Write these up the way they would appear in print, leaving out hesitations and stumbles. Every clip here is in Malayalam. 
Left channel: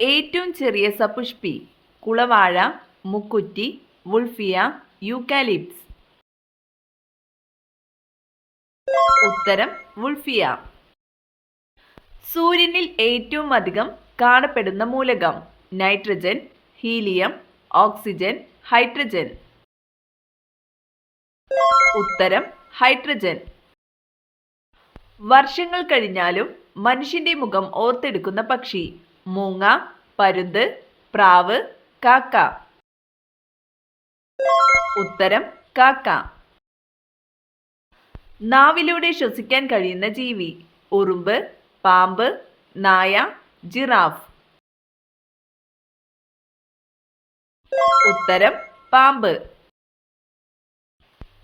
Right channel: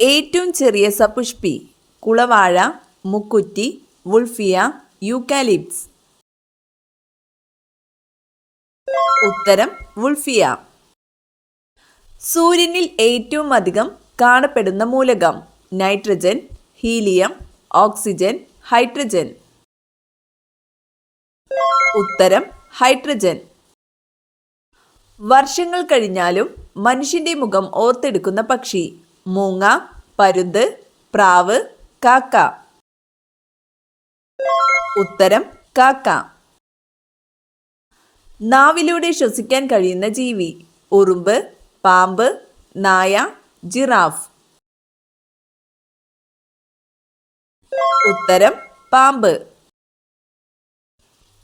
ഏറ്റവും ചെറിയ സപുഷ്പി കുളവാഴ, മുക്കുറ്റി, വുൾഫിയ, യൂക്കാലിപ്സ്. ഉത്തരം വുൾഫിയ. സൂര്യനിൽ ഏറ്റവും അധികം കാണപ്പെടുന്ന മൂലകം നൈട്രജൻ, ഹീലിയം, ഓക്സിജൻ, ഹൈഡ്രജൻ. ഉത്തരം ഹൈഡ്രജൻ. വർഷങ്ങൾ കഴിഞ്ഞാലും മനുഷ്യന്റെ മുഖം ഓർത്തെടുക്കുന്ന പക്ഷി മൂങ്ങ, പരുന്ത്, പ്രാവ്, കാക്ക. ഉത്തരം കാക്ക. നാവിലൂടെ ശ്വസിക്കാൻ കഴിയുന്ന ജീവി ഉറുമ്പ്, പാമ്പ്, നായ, ജിറാഫ്. ഉത്തരം പാമ്പ്.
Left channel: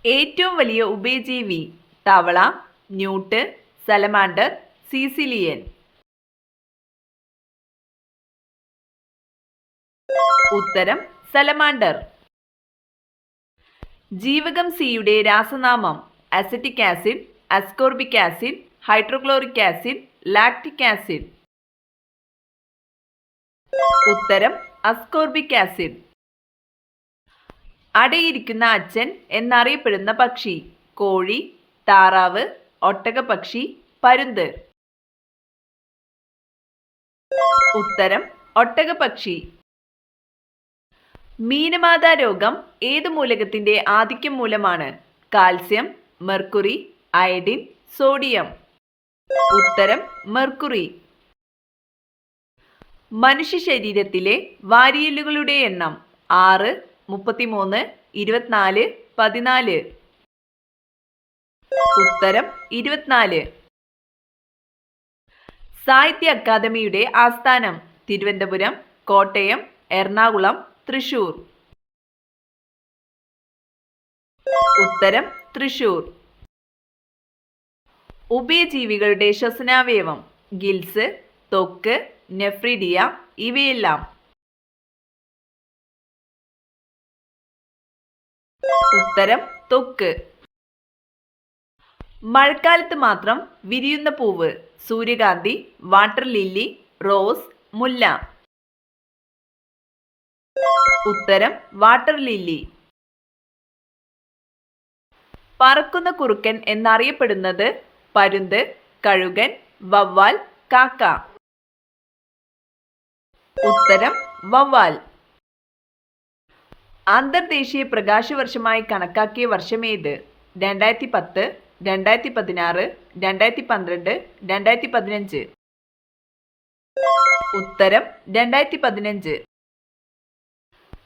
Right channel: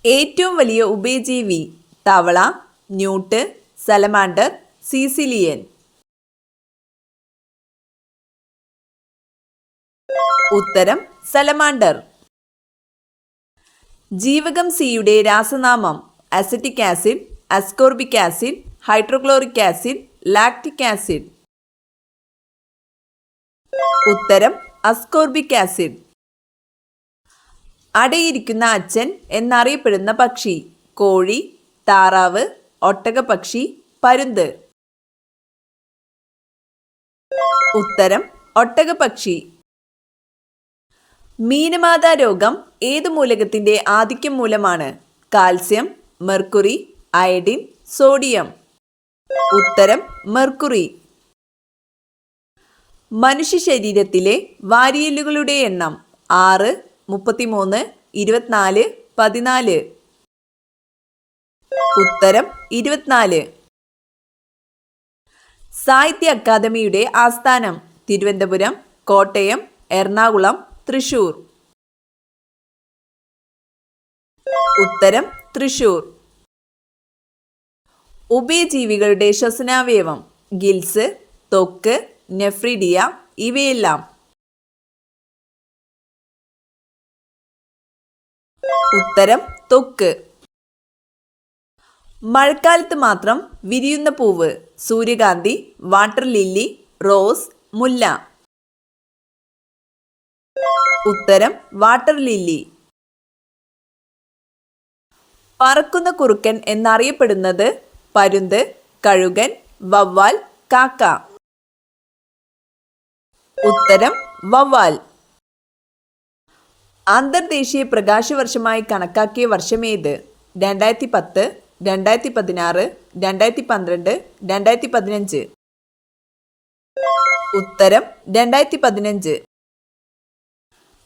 ഏറ്റവും വലിയ ഉഭയജീവി തവള, ന്യൂട്ട്, സലമാൻഡർ, സീസിലിയൻ. ഉത്തരം സലമാൻഡർ. ജീവകം സിയുടെ രാസനാമം acetic acid, ascorbic acid, hydrochloric acid, lactic acid. ഉത്തരം അസ്കോർബിക് ആസിഡ്. അടയിരിക്കുന്ന അച്ഛൻ എന്നറിയപ്പെടുന്ന പക്ഷി കോഴി, താറാവ്, ഒട്ടകപ്പക്ഷി, പരുന്ത്. ഉത്തരം ഒട്ടകപ്പക്ഷി. മീനമാതാ രോഗം ഏത് മൂലകത്തിന്റെ ആധിക്യം മൂലമാണ് കാൽസ്യം, മെർക്കുറി, അയഡിൻ, സോഡിയം. ഉത്തരം മെർക്കുറി. മനുഷ്യ ശരീരത്തിലെ വാരിയലുകളുടെ എണ്ണം 6, 33, 24, 14. ഉത്തരം 24. സാഹിത്യ അക്കാദമിയുടെ ആസ്ഥാനം തിരുവനന്തപുരം, കോട്ടയം, എറണാകുളം, തൃശൂർ. ഉത്തരം തൃശൂർ. ഉഭയജീവികളുടെ ശ്വസനാവയവം ഗിൽസ്, ത്വക്ക്, നെഫ്രിഡിയ ഇവയെല്ലാം. ഉത്തരം ത്വക്ക്. മഴക്കാലത്ത് മാത്രം വിരിയുന്ന പൂവ് സൂര്യകാന്തി, വാട്ടർ ലില്ലി, റോസ്, മുല്ല. ഉത്തരം വാട്ടർ ലില്ലി. പറക്കുന്ന കുറുക്കൻ എന്നറിയപ്പെടുന്നത് പരുന്ത്, കഴുകൻ, വവ്വാൽ, കാക്ക. ഉത്തരം വവ്വാൽ. അന്തർദേശീയ പ്രകാശവർഷമായി കണക്കാക്കിയ വർഷമേത് 2010, 2016, 2012, 2015. ഉത്തരം 2015.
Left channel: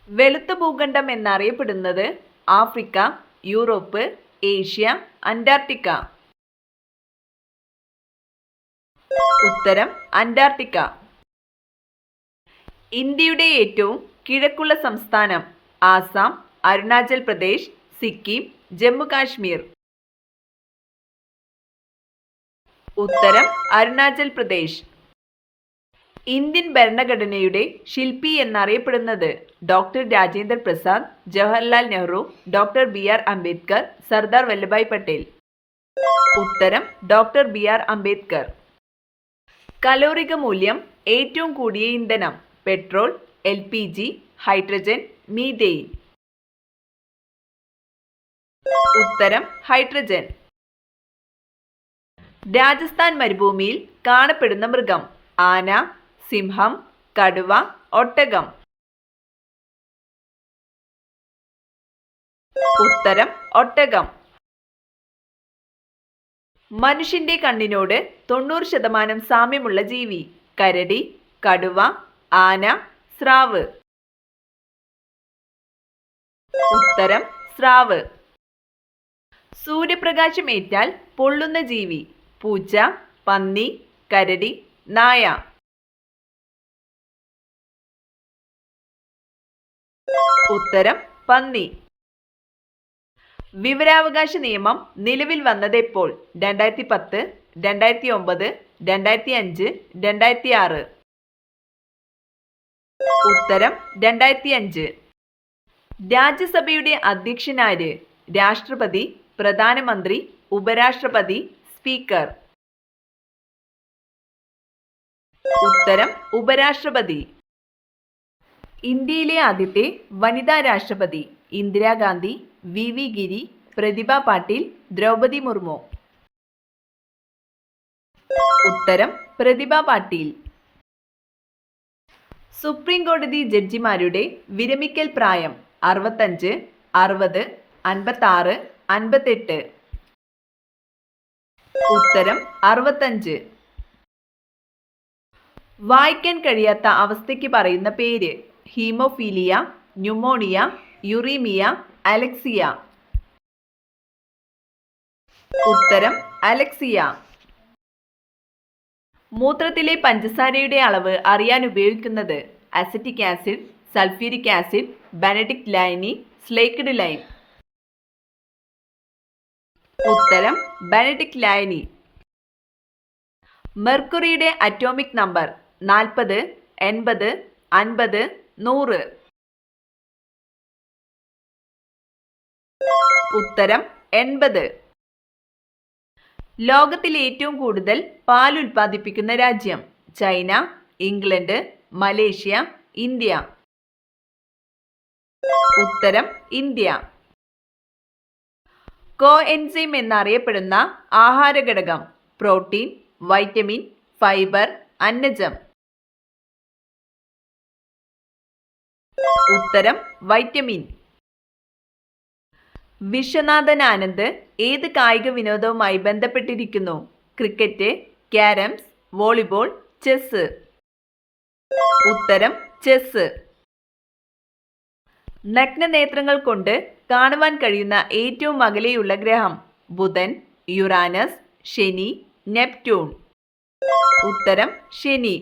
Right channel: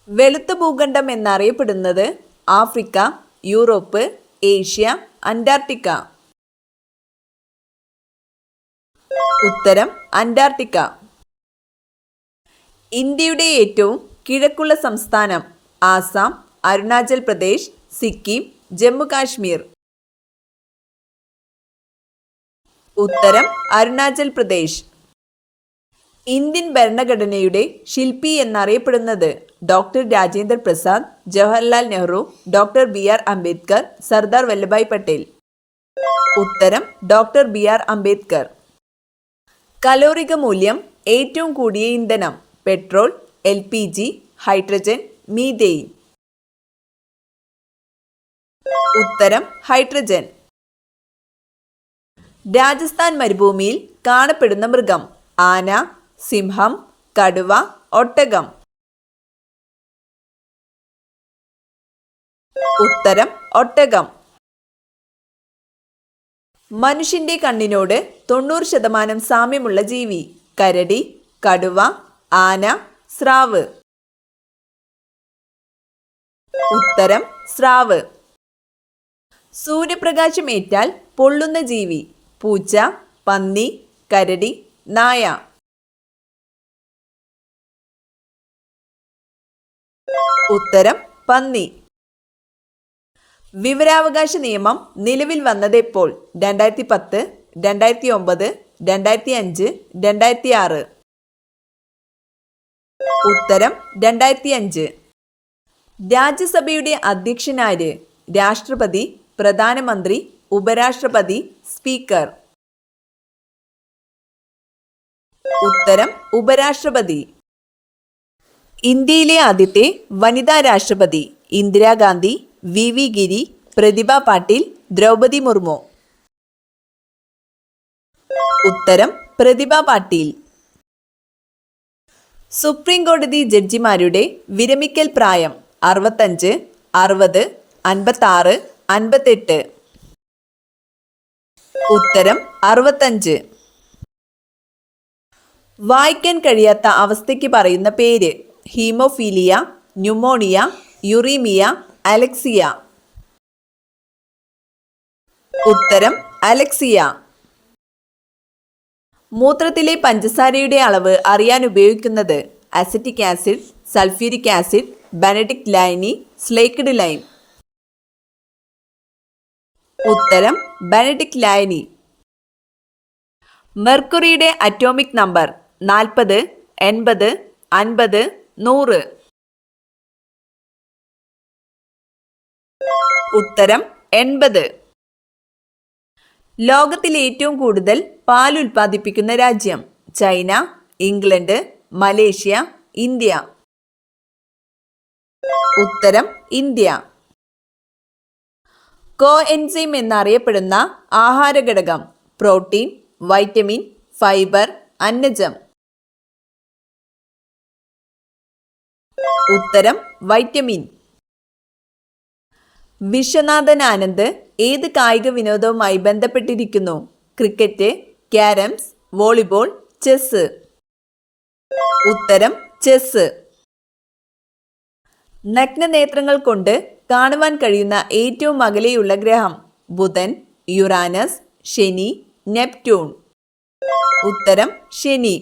വെളുത്ത ഭൂഖണ്ഡം എന്നറിയപ്പെടുന്നത് ആഫ്രിക്ക, യൂറോപ്പ്, ഏഷ്യ, അന്റാർട്ടിക്ക. ഉത്തരം അന്റാർട്ടിക്ക. ഇന്ത്യയുടെ ഏറ്റവും കിഴക്കുള്ള സംസ്ഥാനം ആസാം, അരുണാചൽ പ്രദേശ്, സിക്കിം, ജമ്മു കാശ്മീർ. ഉത്തരം അരുണാചൽ പ്രദേശ്. ഇന്ത്യൻ ഭരണഘടനയുടെ ശില്പി എന്നറിയപ്പെടുന്നത് doctor Rajendra Prasad, Jawaharlal Nehru, doctor BR Ambedkar, Sardar Vallabhbhai Patel. ഉത്തരം ഡോക്ടർ BR അംബേദ്കർ. കലോറിക മൂല്യം ഏറ്റവും കൂടിയ ഇന്ധനം പെട്രോൾ, LPG, ഹൈഡ്രജൻ, മീഥെയ്ൻ. ഉത്തരം ഹൈഡ്രജൻ. രാജസ്ഥാൻ മരുഭൂമിയിൽ കാണപ്പെടുന്ന മൃഗം ആന, സിംഹം, കടുവ, ഒട്ടകം. ഉത്തരം ഒട്ടകം. മനുഷ്യന്റെ കണ്ണിനോട് 90% സാമ്യമുള്ള ജീവി കരടി, കടുവ, ആന, സ്രാവ്. ഉത്തരം സ്രാവ്. സൂര്യപ്രകാശം ഏറ്റാൽ പൊള്ളുന്ന ജീവി പൂച്ച, പന്നി, കരടി, നായ. ഉത്തരം പന്നി. വിവരാവകാശ നിയമം നിലവിൽ വന്നത് എപ്പോൾ 2010, 2009, 2005, 2006. ഉത്തരം 2005. രാജ്യസഭയുടെ അധ്യക്ഷനാര് രാഷ്ട്രപതി, പ്രധാനമന്ത്രി, ഉപരാഷ്ട്രപതി, സ്പീക്കർ. ഉത്തരം ഉപരാഷ്ട്രപതി. ഇന്ത്യയിലെ ആദ്യത്തെ വനിതാ രാഷ്ട്രപതി ഇന്ദിരാഗാന്ധി, വി ഗിരി, പ്രതിഭ പാട്ടീൽ, ദ്രൗപദി മുർമു. ഉത്തരം പ്രതിഭ പാട്ടീൽ. സുപ്രീം കോടതി ജഡ്ജിമാരുടെ വിരമിക്കൽ പ്രായം 65, 60, 56, 58. ഉത്തരം 65. വായിക്കാൻ കഴിയാത്ത അവസ്ഥയ്ക്ക് പറയുന്ന പേര് ഹീമോഫീലിയ, ന്യൂമോണിയ, യുറീമിയ, അലക്സിയ. ഉത്തരം അലക്സിയ. മൂത്രത്തിലെ പഞ്ചസാരയുടെ അളവ് അറിയാൻ ഉപയോഗിക്കുന്നത് acetic acid, sulphuric acid, Benedict ലൈനി, സ്ലേക്ക്ഡ് ലൈം. ഉത്തരം ബെനഡിക്ട് ലൈനി. മെർക്കുറിയുടെ അറ്റോമിക് നമ്പർ 40, 80, 50, 100. ഉത്തരം 80. ലോകത്തിൽ ഏറ്റവും കൂടുതൽ പാൽ ഉൽപ്പാദിപ്പിക്കുന്ന രാജ്യം ചൈന, ഇംഗ്ലണ്ട്, മലേഷ്യ, ഇന്ത്യ. ഉത്തരം ഇന്ത്യ. കോഎൻസൈം എന്നറിയപ്പെടുന്ന ആഹാരഘടകം പ്രോട്ടീൻ, വൈറ്റമിൻ, ഫൈബർ, അന്നജം. ഉത്തരം വൈറ്റമിൻ. വിശ്വനാഥൻ ആനന്ദ് ഏത് കായിക വിനോദവുമായി ബന്ധപ്പെട്ടിരിക്കുന്നു? Cricket, carroms, volleyball, chess. ഉത്തരം ചെസ്. നഗ്നനേത്രങ്ങൾ കൊണ്ട് കാണുവാൻ കഴിയുന്ന ഏറ്റവും അകലെയുള്ള ഗ്രഹം ബുധൻ, യുറാനസ്, ശനി, നെപ്റ്റ്യൂൺ. ഉത്തരം ശനി.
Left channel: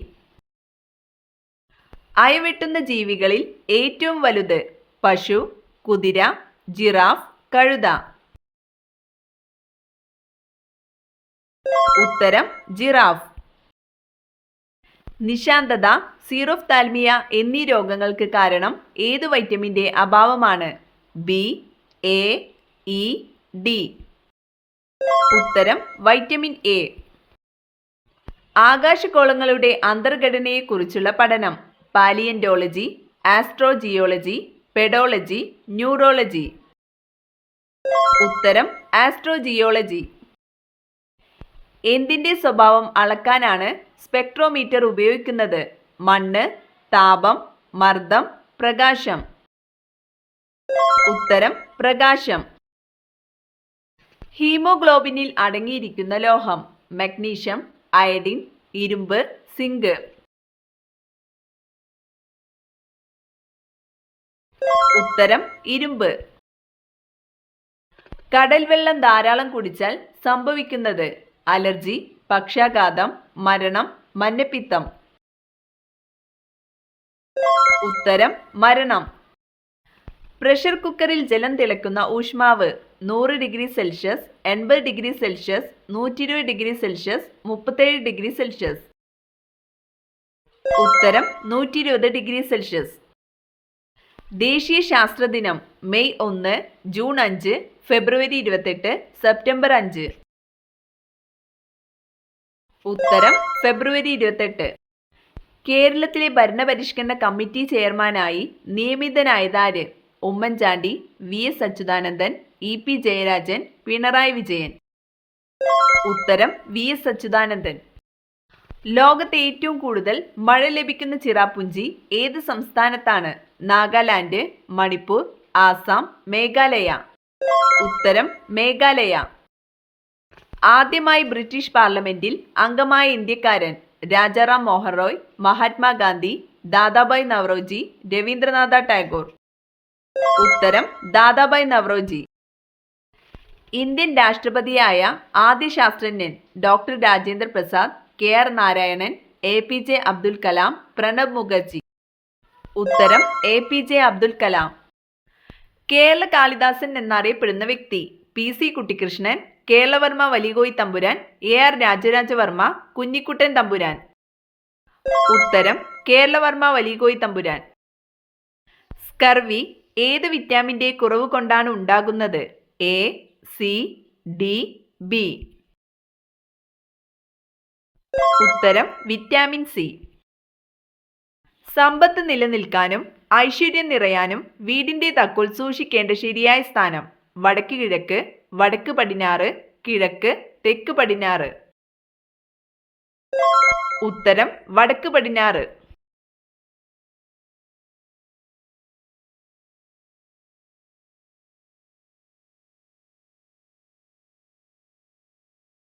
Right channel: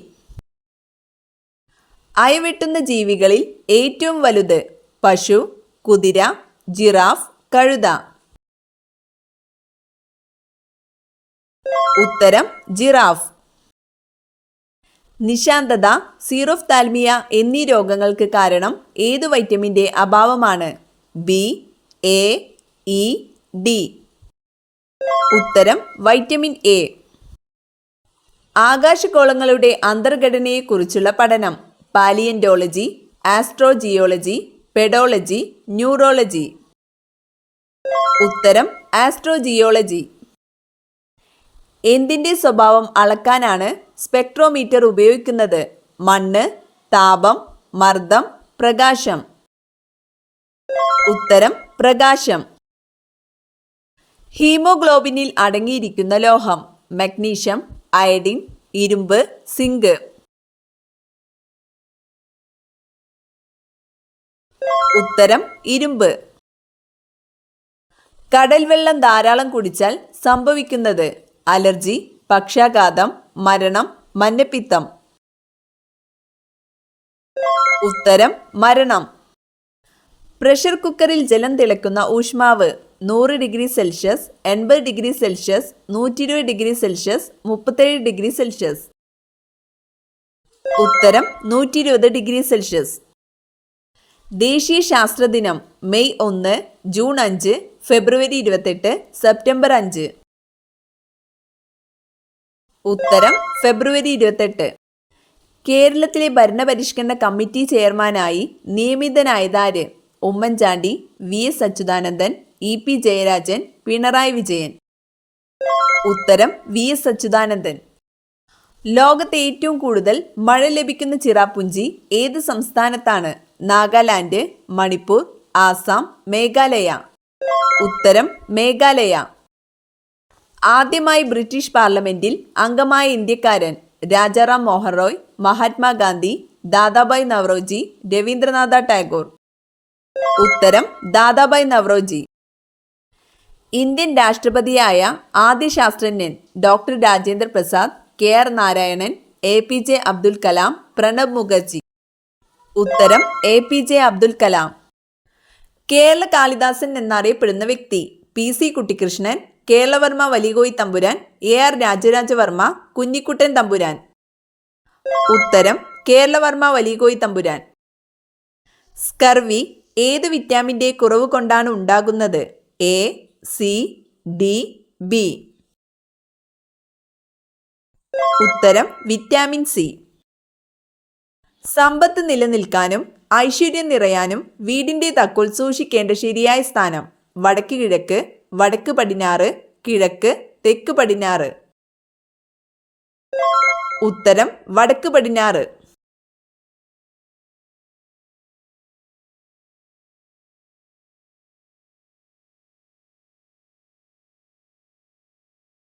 അയവെട്ടുന്ന ജീവികളിൽ ഏറ്റവും വലുത് പശു, കുതിര, ജിറാഫ്, കഴുത. ഉത്തരം ജിറാഫ്. നിശാന്തത, സീറോഫ്താൽമിയ എന്നീ രോഗങ്ങൾക്ക് കാരണം ഏതു വൈറ്റമിൻ്റെ അഭാവമാണ്? B, A, E, D. ഉത്തരം വൈറ്റമിൻ എ. ആകാശഗോളങ്ങളുടെ അന്തർഘടനയെക്കുറിച്ചുള്ള പഠനം പാലിയന്റോളജി, ആസ്ട്രോജിയോളജി, പെഡോളജി, ന്യൂറോളജി. ഉത്തരം ആസ്ട്രോജിയോളജി. എന്തിൻ്റെ സ്വഭാവം അളക്കാനാണ് സ്പെക്ട്രോമീറ്റർ ഉപയോഗിക്കുന്നത്? മണ്ണ്, താപം, മർദ്ദം, പ്രകാശം. ഉത്തരം പ്രകാശം. ഹീമോഗ്ലോബിനിൽ അടങ്ങിയിരിക്കുന്ന ലോഹം മഗ്നീഷ്യം, അയഡിൻ, ഇരുമ്പ്, സിങ്ക്. ഉത്തരം ഇരുമ്പ്. കടൽ വെള്ളം ധാരാളം കുടിച്ചാൽ സംഭവിക്കുന്നത് അലർജി, പക്ഷാഘാതം, മരണം, മഞ്ഞപ്പിത്തം. ഉത്തരം മരണം. പ്രഷർ കുക്കറിൽ ജലം തിളക്കുന്ന ഊഷ്മാവ് 100 degree Celsius, 80 degree Celsius, 120 degree Celsius, 37 degree Celsius. ഉത്തരം 120 ഡിഗ്രി സെൽഷ്യസ്. ദേശീയ ശാസ്ത്രദിനം മെയ് 1, ജൂൺ 5, ഫെബ്രുവരി 28, സെപ്റ്റംബർ 5. ഉത്തരം ഫെബ്രുവരി 28. കേരളത്തിലെ ഭരണപരിഷ്കരണ കമ്മിറ്റി ചെയർമാനായി നിയമിതനായതാര്? Oommen Chandy, VS Achuthanandan, EP Jayarajan, Pinarayi Vijayan. ഉത്തരം VS അച്യുതാനന്ദൻ. ലോകത്തെ ഏറ്റവും കൂടുതൽ മഴ ലഭിക്കുന്ന ചിറാപുഞ്ചി ഏത് സംസ്ഥാനത്താണ്? നാഗാലാൻഡ്, മണിപ്പൂർ, ആസാം, മേഘാലയ. ഉത്തരം മേഘാലയ. ആദ്യമായി ബ്രിട്ടീഷ് പാർലമെന്റിൽ അംഗമായ ഇന്ത്യക്കാരൻ രാജാറാം മോഹൻ റോയ്, മഹാത്മാഗാന്ധി, ദാദാഭായ് നവറോജി, രവീന്ദ്രനാഥ ടാഗോർ. ഉത്തരം ദാദാഭായ് നവറോജി. ഇന്ത്യൻ രാഷ്ട്രപതിയായ ആദ്യ ശാസ്ത്രജ്ഞൻ doctor Rajendra Prasad, KR Narayanan, APJ Abdul Kalam, Pranab Mukherjee. ഉത്തരം APJ അബ്ദുൽ കലാം. കേരള കാളിദാസൻ എന്നറിയപ്പെടുന്ന വ്യക്തി PC കുട്ടിക്കൃഷ്ണൻ, കേരളവർമ്മ വലികോയി തമ്പുരാൻ, AR രാജരാജവർമ്മ, കുഞ്ഞിക്കുട്ടൻ തമ്പുരാൻ. ഉത്തരം കേരളവർമ്മ വലികോയി തമ്പുരാൻ. സ്കർവി ഏത് വിറ്റാമിൻ്റെ കുറവ് കൊണ്ടാണ് ഉണ്ടാകുന്നത്? A, C, D, B. ഉത്തരം വിറ്റാമിൻ സി. സമ്പത്ത് നിലനിൽക്കാനും ഐശ്വര്യം നിറയാനും വീടിൻ്റെ താക്കോൽ സൂക്ഷിക്കേണ്ട ശരിയായ സ്ഥാനം വടക്ക് കിഴക്ക്, വടക്ക് പടിഞ്ഞാറ്, കിഴക്ക്, തെക്ക് പടിഞ്ഞാറ്. ഉത്തരം വടക്ക് പടിഞ്ഞാറ്.